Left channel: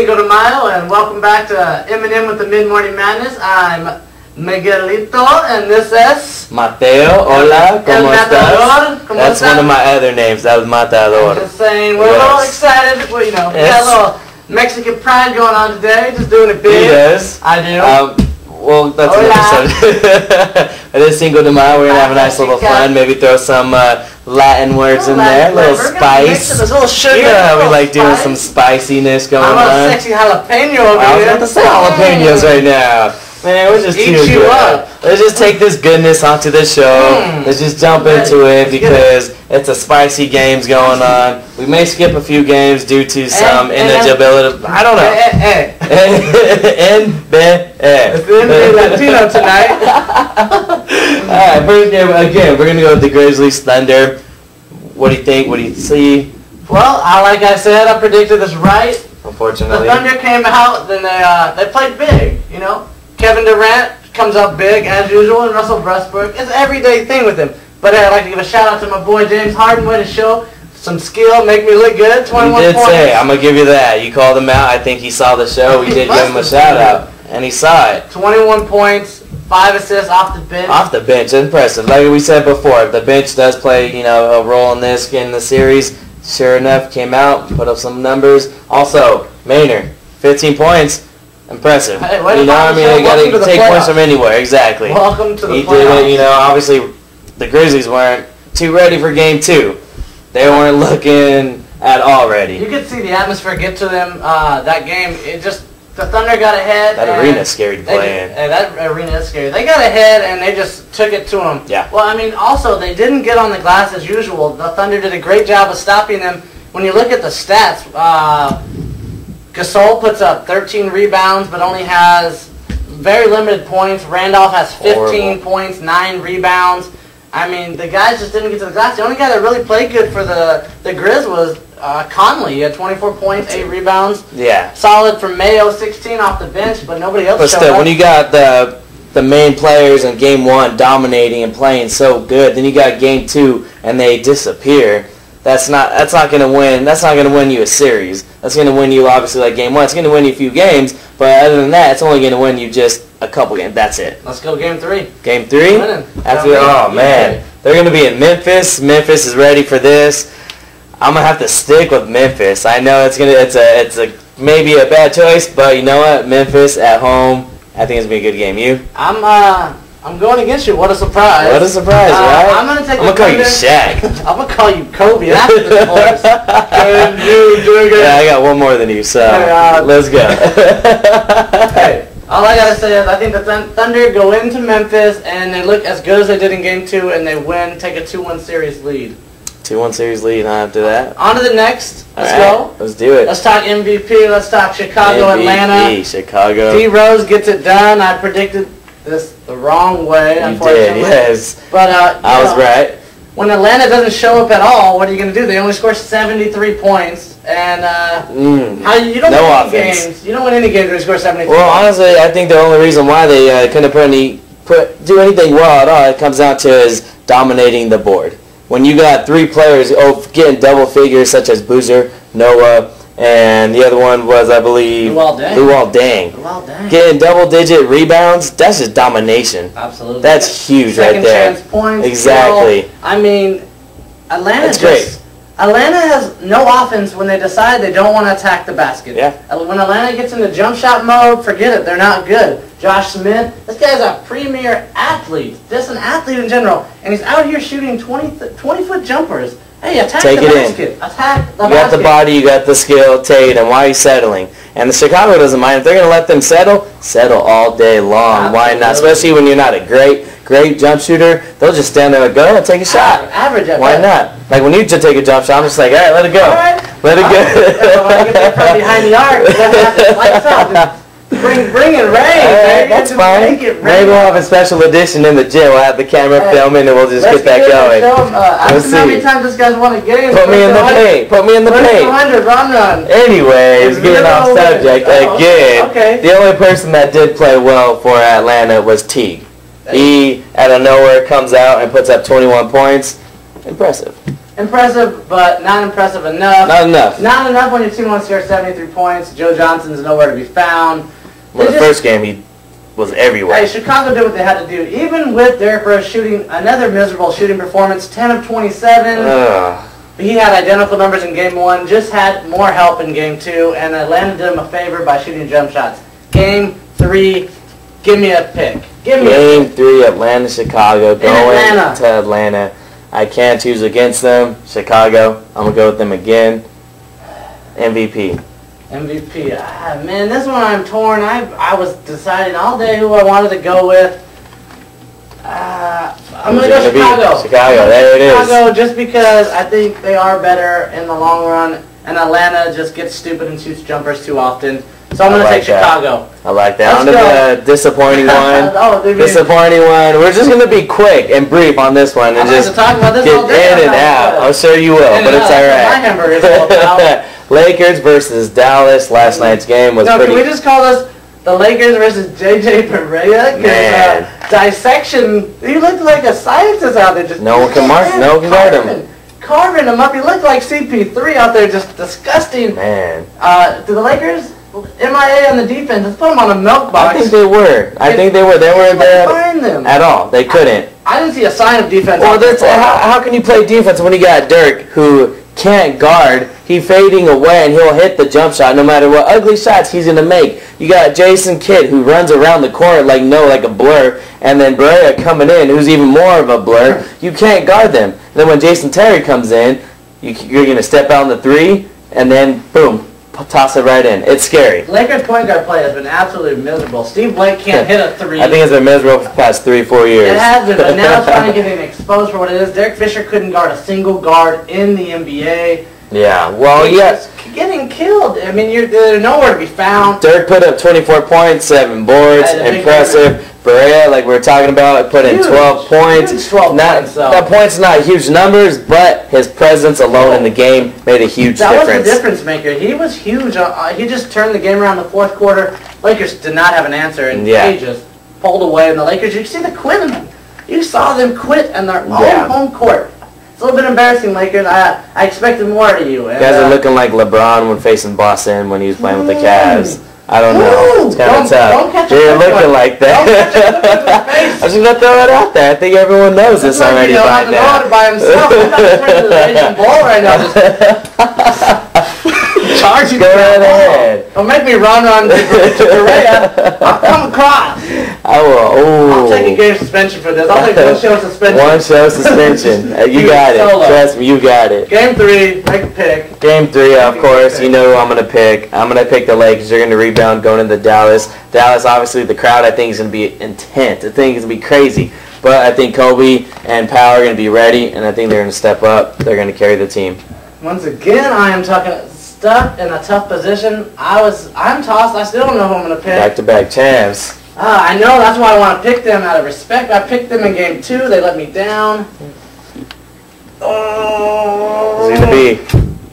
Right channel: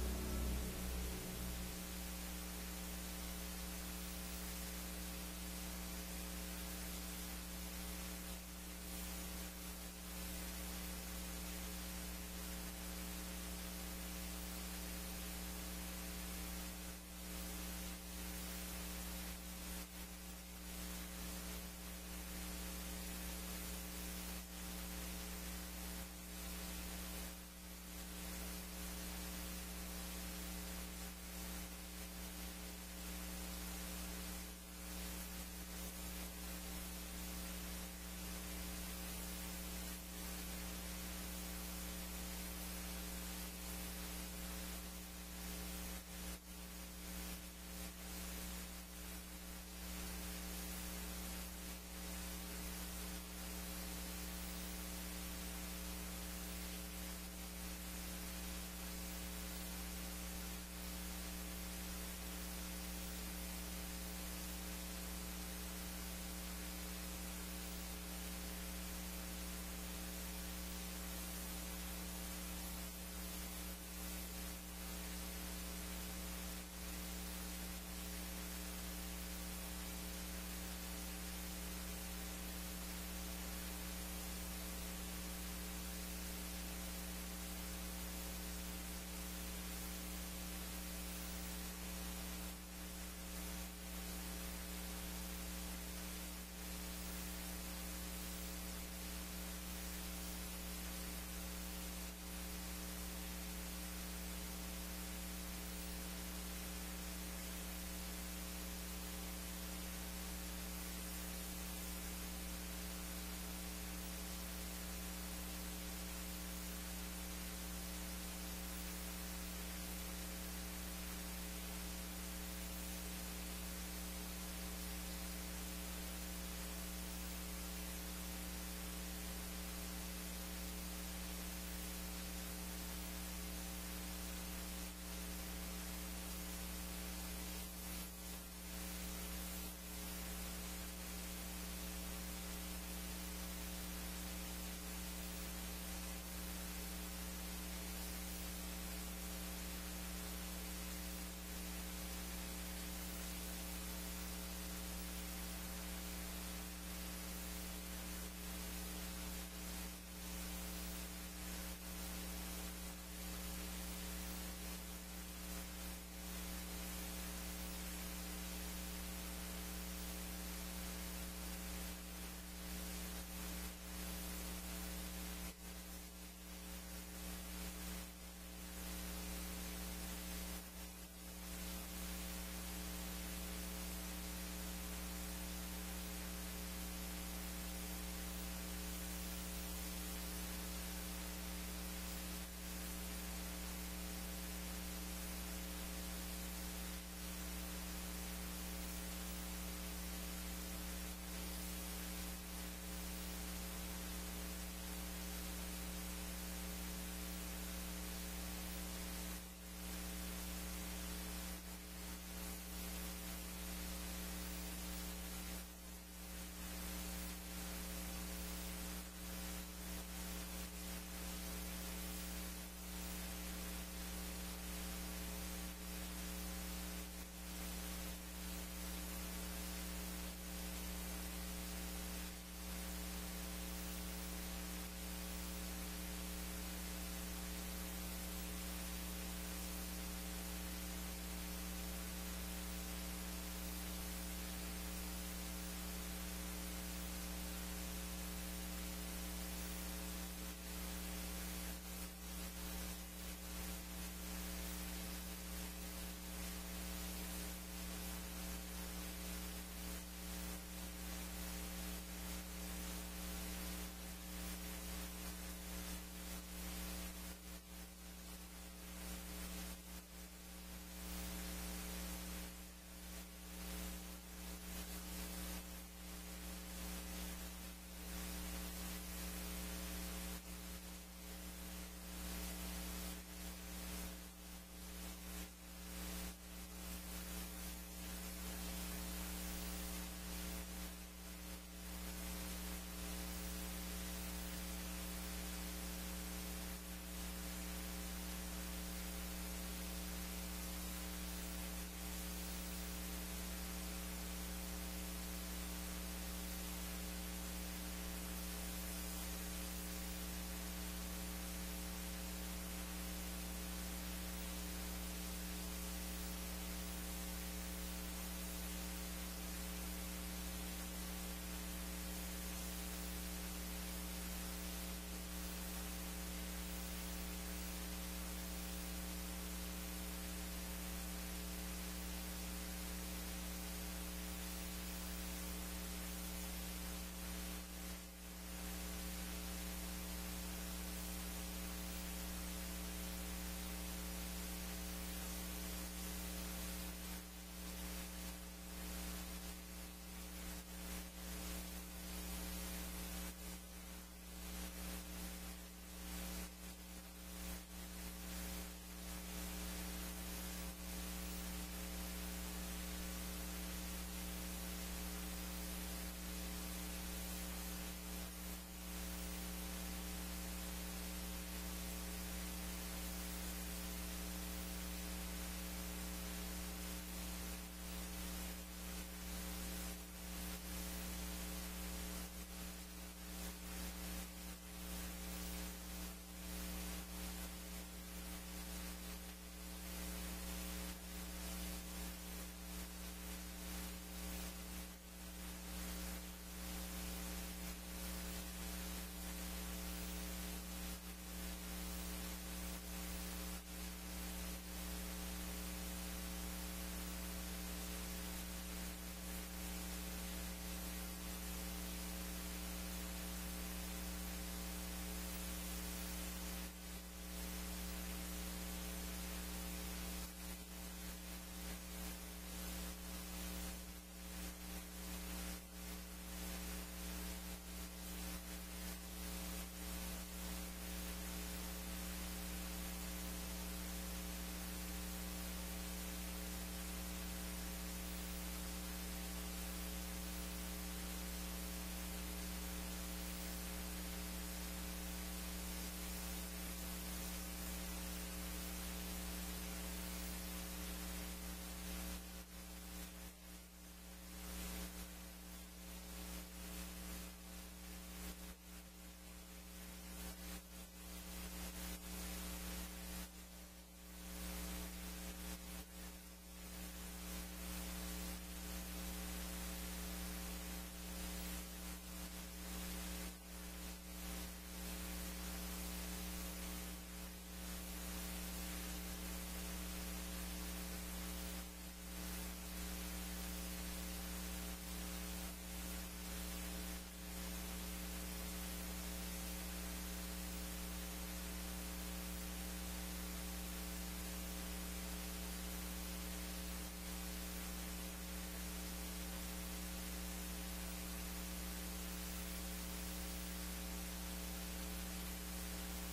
Cinco de Mayo, and welcome back to M&M with the Mid-Morning Madness. I'm Miguelito, and this is... Mateo, hola, ¿cómo estás? That's one of my other names, that was Matador. I'm just saying, we're a little excited, well, you know, we got a little Mexican pride going on today, just doing it big. He does. I do. Well, that's another subject. It is Cinco de Mayo, we're going to have a nice little fun, maybe throw some Latin words in there, a little spice. A little sugar. Yeah, we like doing some spiciness going on. I'm a sexy jalapeno over here. I was about to say jalapenos right now. Man, we're just too good. Let's just take this goodness onto the show. Let's just jump into it because it's a spicy games going on. We may skip a few games due to some ineligibility. I don't know. It's NBA Latino tonight. Alright, first game, again, we're going to go with the Grizzlies Thunder. What do you think? What do you see? Well, like I said, I predicted this right. Unfortunately. The Thunder came out, then they played big, you know. Kevin Durant comes up big, as usual, and Russell Westbrook. It's an everyday thing with him. But I'd like to give a shout-out to my boy James Harden. Way to show some skill, make me look good. 21 points. You did say, I'm going to give you that. You called him out. I think he saw the show. We did give him a shout-out, and he saw it. 21 points, 5 assists off the bench. Off the bench, impressive. Like we said before, the bench does play, you know, a role in this, in the series. Sure enough, came out, put up some numbers. Also, Maynard, 15 points. Impressive. Hey, you know what I mean? They got to take points from anywhere. Exactly. Welcome to the playoffs. He did it. You know, obviously, the Grizzlies weren't too ready for Game 2. They weren't looking at all ready. You could see the atmosphere get to them that game. It just, the Thunder got ahead. That arena's scary to play in. That arena is scary. They got ahead, and they just took it to them. Yeah. Well, I mean, also, they didn't get on the glass as usual. The Thunder did a great job of stopping them. When you look at the stats, Gasol puts up 13 rebounds, but only has very limited points. Randolph has 15 points, 9 rebounds. I mean, the guys just didn't get to the glass. The only guy that really played good for the Grizz was Conley. He had 24 points, 8 rebounds. Yeah. Solid for Mayo, 16 off the bench, but nobody else showed up. But still, when you got the main players in Game 1 dominating and playing so good, then you got Game 2 and they disappear. That's not going to win. That's not going to win you a series. That's going to win you, obviously, like Game 1. It's going to win you a few games, but other than that, it's only going to win you just a couple games. That's it. Let's go Game 3. Game 3? Oh, man. They're going to be in Memphis. Memphis is ready for this. I'm going to have to stick with Memphis. I know it's a maybe a bad choice, but you know what? Memphis at home, I think it's going to be a good game. You? I'm going against you. What a surprise. What a surprise, right? I'm going to call you Shaq. I'm going to call you Kobe. That's the course. Yeah, I got one more than you, so let's go. Hey, all I got to say is I think the Thunder go into Memphis, and they look as good as they did in Game 2, and they win, take a 2-1 series lead. 2-1 series lead after that. On to the next. Let's go. Let's do it. Let's talk MVP. Let's talk Chicago, MVP, Atlanta. Chicago. D. Rose gets it done. I predicted this the wrong way, unfortunately. You did, yes. But I was right. When Atlanta doesn't show up at all, what are you going to do? They only score 73 points, and you don't win any games. You don't win any games when you score 73. Well, honestly, I think the only reason why they couldn't do anything well at all, it comes down to is dominating the board. When you got 3 players getting double figures, such as Boozer, Noah, and the other one was, I believe, Luol Deng. Getting double-digit rebounds, that's just domination. Absolutely. That's huge right there. Second chance points. Exactly. Skill. I mean, Atlanta has no offense when they decide they don't want to attack the basket. Yeah. When Atlanta gets into jump shot mode, forget it. They're not good. Josh Smith, this guy's a premier athlete. Just an athlete in general. And he's out here shooting 20-foot jumpers. Hey, attack the basket. Attack the basket. You got the body, you got the skill, take it, and why are you settling? And the Chicago doesn't mind. If they're going to let them settle all day long. Absolutely. Why not? Especially when you're not a great jump shooter. They'll just stand there and go and take a shot. Average at Why not? Like when you just take a jump shot, I'm just like, all right, let it go. All right. Let it go. When I get that from behind the arc, then have to lights out. Bring it rain. That's fine. Maybe we'll have a special edition in the gym. We'll have the camera filming and we'll just get that going. We'll see. How many times this guy's won a game? Put me in the paint. Put me in the paint. 100 run. Anyways, getting off subject again. Okay. The only person that did play well for Atlanta was Teague. He, out of nowhere, comes out and puts up 21 points. Impressive. Impressive, but not impressive enough. Not enough. Not enough when your team wants to score 73 points. Joe Johnson's nowhere to be found. Well, the first game, he was everywhere. Hey, Chicago did what they had to do. Even with Derrick Rose shooting another miserable shooting performance, 10 of 27. He had identical numbers in Game 1, just had more help in Game 2, and Atlanta did him a favor by shooting jump shots. Game 3, give me a pick. Game 3, Atlanta-Chicago, going to Atlanta. I can't choose against them. Chicago, I'm going to go with them again. MVP. MVP. Man, this one I'm torn. I was deciding all day who I wanted to go with. I'm going to go Chicago. Chicago, there it is. Chicago, just because I think they are better in the long run, and Atlanta just gets stupid and shoots jumpers too often. So I'm going to take Chicago. I like that. On to the disappointing one. Disappointing one. We're just going to be quick and brief on this one and just talk about this get in and out. I'm sure you will, but it's all right. My hamburger's all about. Lakers versus Dallas. Last night's game was pretty... Can we just call this the Lakers versus J.J. Barea? Man. Dissection. You look like a scientist out there. Just no one can guard him. Carving him up. You look like CP3 out there, just disgusting. Man. Do the Lakers... MIA on the defense. Let's put them on a milk box. I think they were. They weren't there find them at all. They couldn't. I didn't see a sign of defense. Well, how can you play defense when you got Dirk, who can't guard? He's fading away, and he'll hit the jump shot no matter what ugly shots he's going to make. You got Jason Kidd, who runs around the court like a blur, and then Barea coming in, who's even more of a blur. You can't guard them. And then when Jason Terry comes in, you're going to step out on the three, and then, boom. Toss it right in. It's scary. Lakers point guard play has been absolutely miserable. Steve Blake can't hit a three. I think it's been miserable for the past 3-4 years. It has been, but now it's finally getting exposed for what it is. Derek Fisher couldn't guard a single guard in the NBA. Yeah, well, yes. Getting killed. I mean, they're nowhere to be found. Dirk put up 24 points, 7 boards. Impressive. Barea, like we were talking about, put in 12 points. Huge 12 points, though. That point's not huge numbers, but his presence alone in the game made a huge difference. That was the difference maker. He was huge. He just turned the game around in the fourth quarter. Lakers did not have an answer, and they just pulled away. And the Lakers, you see the quit in them. You saw them quit in their own home court. It's a little bit embarrassing, Lakers. I expected more out of you. And, you guys are looking like LeBron when facing Boston when he was playing with the Cavs. I don't know. It's kind of tough. You're looking like that. I'm just going to throw it out there. I think everyone knows this already by now. By himself. I'm not turning to the Asian ball right now. Charge you. Go right ahead. Don't make me run to Barea. I'll come across. I will. I'll take a game suspension for this. I'll take 1 show suspension. 1 show suspension. You got it. Trust me, you got it. Game 3, make a pick. Game 3, of course. You know who I'm going to pick. I'm going to pick the Lakers. They're going to rebound going into Dallas. Dallas, obviously, the crowd, I think, is going to be intense. I think it's going to be crazy. But I think Kobe and Powell are going to be ready, and I think they're going to step up. They're going to carry the team. Once again, I am stuck in a tough position. I'm tossed. I still don't know who I'm going to pick. Back-to-back champs. I know. That's why I want to pick them out of respect. I picked them in Game 2. They let me down. Who's it going to be?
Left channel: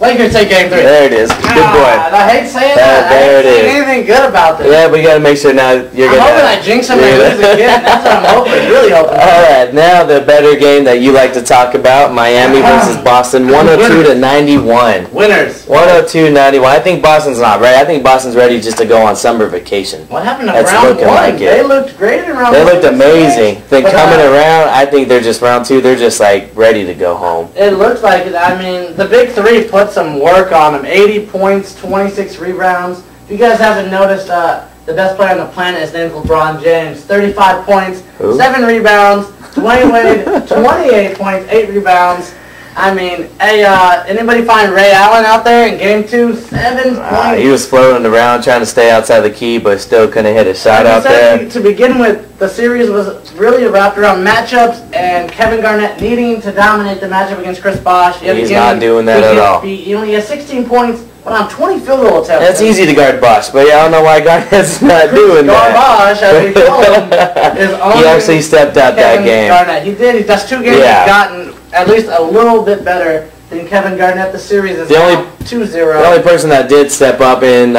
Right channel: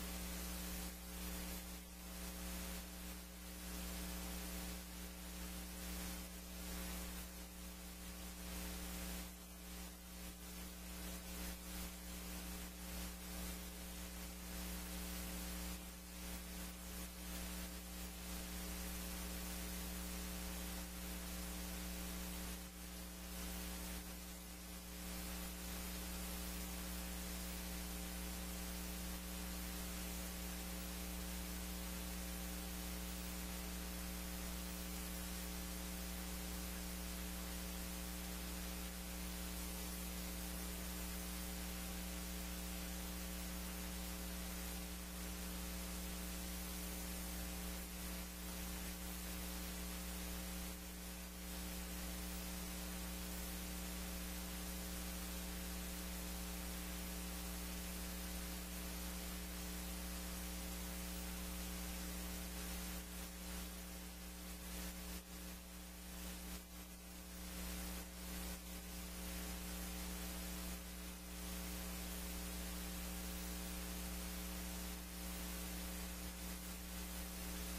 Lakers take Game 3. There it is. Good boy. I hate saying that. There it is. I ain't anything good about this. Yeah, but you got to make sure now you're going to... I'm hoping I jinx them and lose again. That's what I'm hoping. Really hoping. All right, now the better game that you like to talk about, Miami versus Boston, 102-91. Winners. 102-91. I think Boston's not ready. I think Boston's ready just to go on summer vacation. What happened to round 1? Like they looked great in round 1. They looked amazing. Then coming around, I think they're just round 2. They're just like ready to go home. It looks like it. I mean, the big 3 put some work on them. 80 points, 26 rebounds. If you guys haven't noticed, the best player on the planet is named LeBron James. 35 points, 7 rebounds, 28 points, 8 rebounds. I mean, hey, anybody find Ray Allen out there in Game 2? 7 points. He was floating around trying to stay outside the key, but still couldn't hit a shot out there. To begin with, the series was really wrapped around matchups and Kevin Garnett needing to dominate the matchup against Chris Bosh. He's not doing that at all. He only has 16 points, but on 20 field goal attempts. That's easy to guard Bosh, but yeah, I don't know why Garnett's not doing that. Bosh, as we call him, is only he actually stepped out that game. Garnett. He did. That's 2 games he's gotten at least a little bit better than Kevin Garnett. The series is now 2-0. The only person that did step up in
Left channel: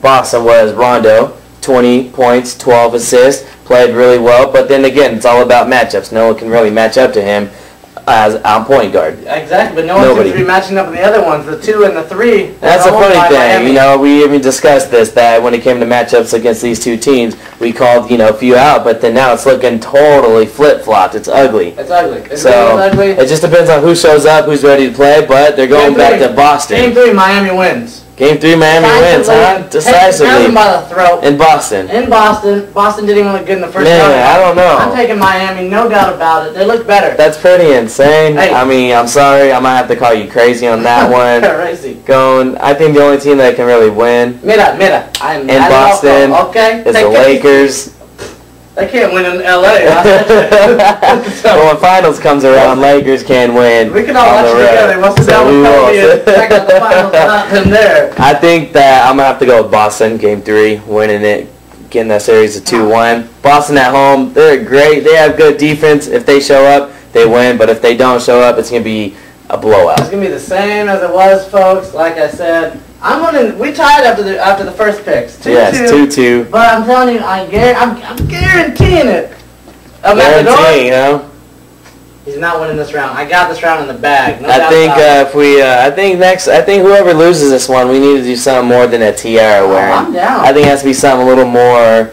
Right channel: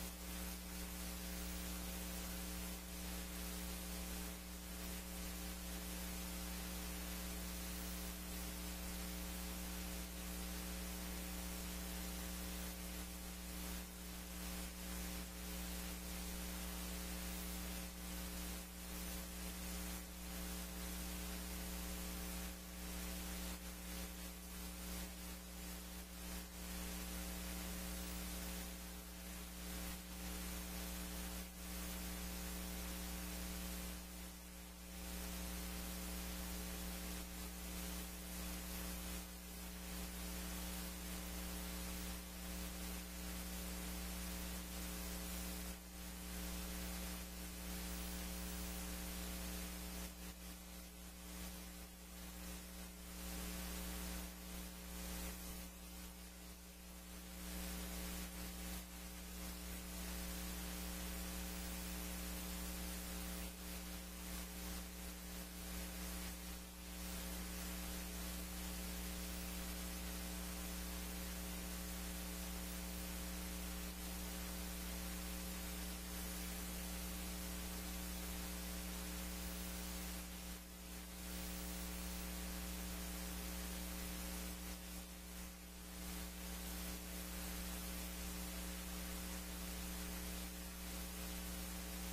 Boston was Rondo. 20 points, 12 assists, played really well. But then again, it's all about matchups. No one can really match up to him. as on point guard. Exactly, but no one seems to be matching up with the other ones, the 2 and the 3. That's a funny thing. You know, we even discussed this, that when it came to matchups against these two teams, we called, you know, a few out, but then now it's looking totally flip-flopped. It's ugly. It's ugly. It's so really ugly. It just depends on who shows up, who's ready to play, but they're going back to Boston. Game 3, Miami wins. Game 3, Miami wins, huh? Decisively. Take them by the throat. In Boston. In Boston. Boston didn't even look good in the first round. I don't know. I'm taking Miami, no doubt about it. They look better. That's pretty insane. Hey. I mean, I'm sorry. I might have to call you crazy on that one. Crazy. I think the only team that can really win in Boston is the Lakers. They can't win in L.A. Well, when finals comes around, Lakers can win. We can all watch it together. We'll sit down with Kobe and check out the finals without them there. I think that I'm going to have to go with Boston, Game 3, winning it, getting that series to 2-1. Boston at home, they're great. They have good defense. If they show up, they win. But if they don't show up, it's going to be a blowout. It's going to be the same as it was, folks. Like I said, we tied after the first picks. 2-2. Yes, 2-2. But I'm telling you, I'm guaranteeing it. Guaranteeing, huh? He's not winning this round. I got this round in the bag. No I think I think whoever loses this one, we need to do something more than a tiara wearing. I'm down. I think it has to be something a little more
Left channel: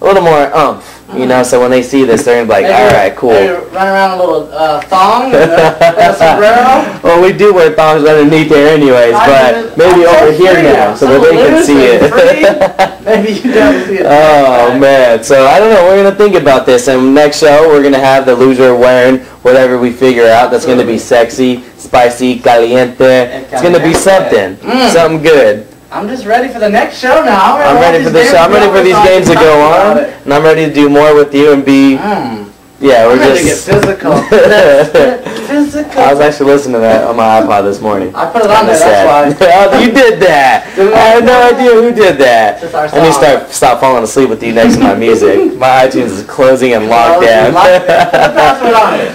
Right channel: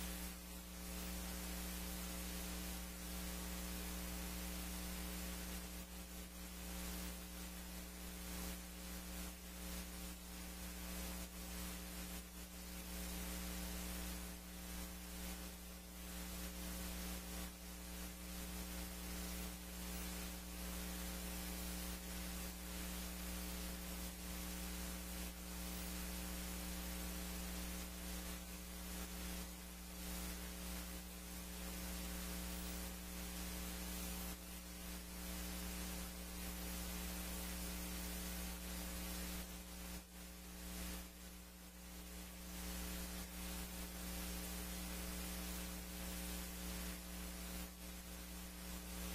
oomph. You know, so when they see this, they're gonna be like, all right, cool. Maybe run around a little thong and a sombrero. Well, we do wear thongs underneath there anyways, but maybe over here now so that they can see it. Maybe you don't see it. Oh, man. So, I don't know. We're going to think about this. And next show, we're going to have the loser wearing whatever we figure out. That's going to be sexy, spicy, caliente. It's going to be something. Something good. I'm just ready for the next show now. I'm ready for this show. I'm ready for these games to go on. And I'm ready to do more with you and be... Yeah, we're ready just... to get physical. Physical. I was actually listening to that on my iPod this morning. I put it on there, that's why. Oh, you did that. I had no idea who did that. I need to stop falling asleep with you next to my music. My iTunes is closing and locked down.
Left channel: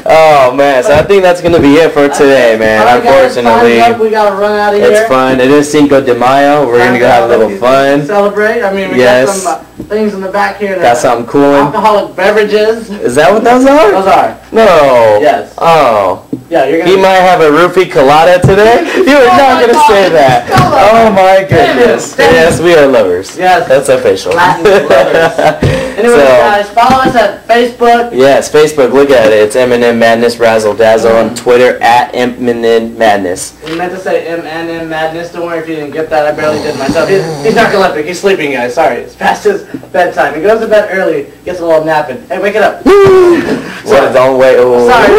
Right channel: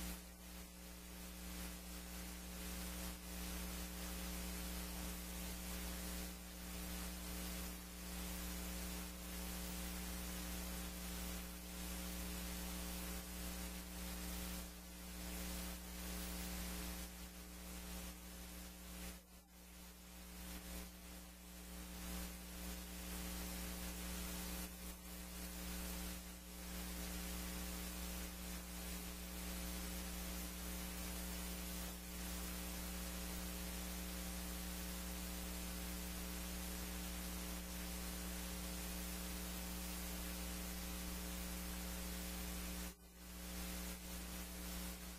Oh, man. So I think that's going to be it for today, man. Unfortunately. We got to run out of here. It's fun. It is Cinco de Mayo. We're going to go have a little fun. Celebrate. I mean, we got some things in the back here. Got something cool. Alcoholic beverages. Is that what those are? Those are. No. Yes. Oh. Yeah, you're gonna. He might have a roofie colada today. You were not gonna say that. Oh my goodness. Yes, we are lovers. Yes. That's official. Latin lovers. Anyway, guys, follow us at Facebook. Yes, Facebook. Look at it. It's M&M Madness Razzle Dazzle on Twitter at M&M Madness. We meant to say M&M Madness. Don't worry if you didn't get that. I barely did myself. He's narcoleptic. He's sleeping, guys. Sorry. It's past his bedtime. He goes to bed early. Gets a little napping. Hey, wake it up. So don't wait. Sorry.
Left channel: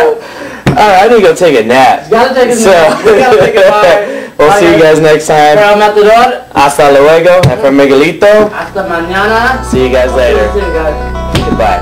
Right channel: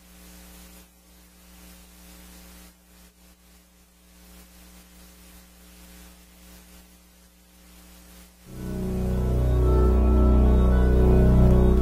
Alright, I need to go take a nap. You gotta take a nap. You gotta take a bye. We'll see you guys next time. From Matador. Hasta luego. And from Miguelito. Hasta mañana. See you guys later. See you guys. Goodbye.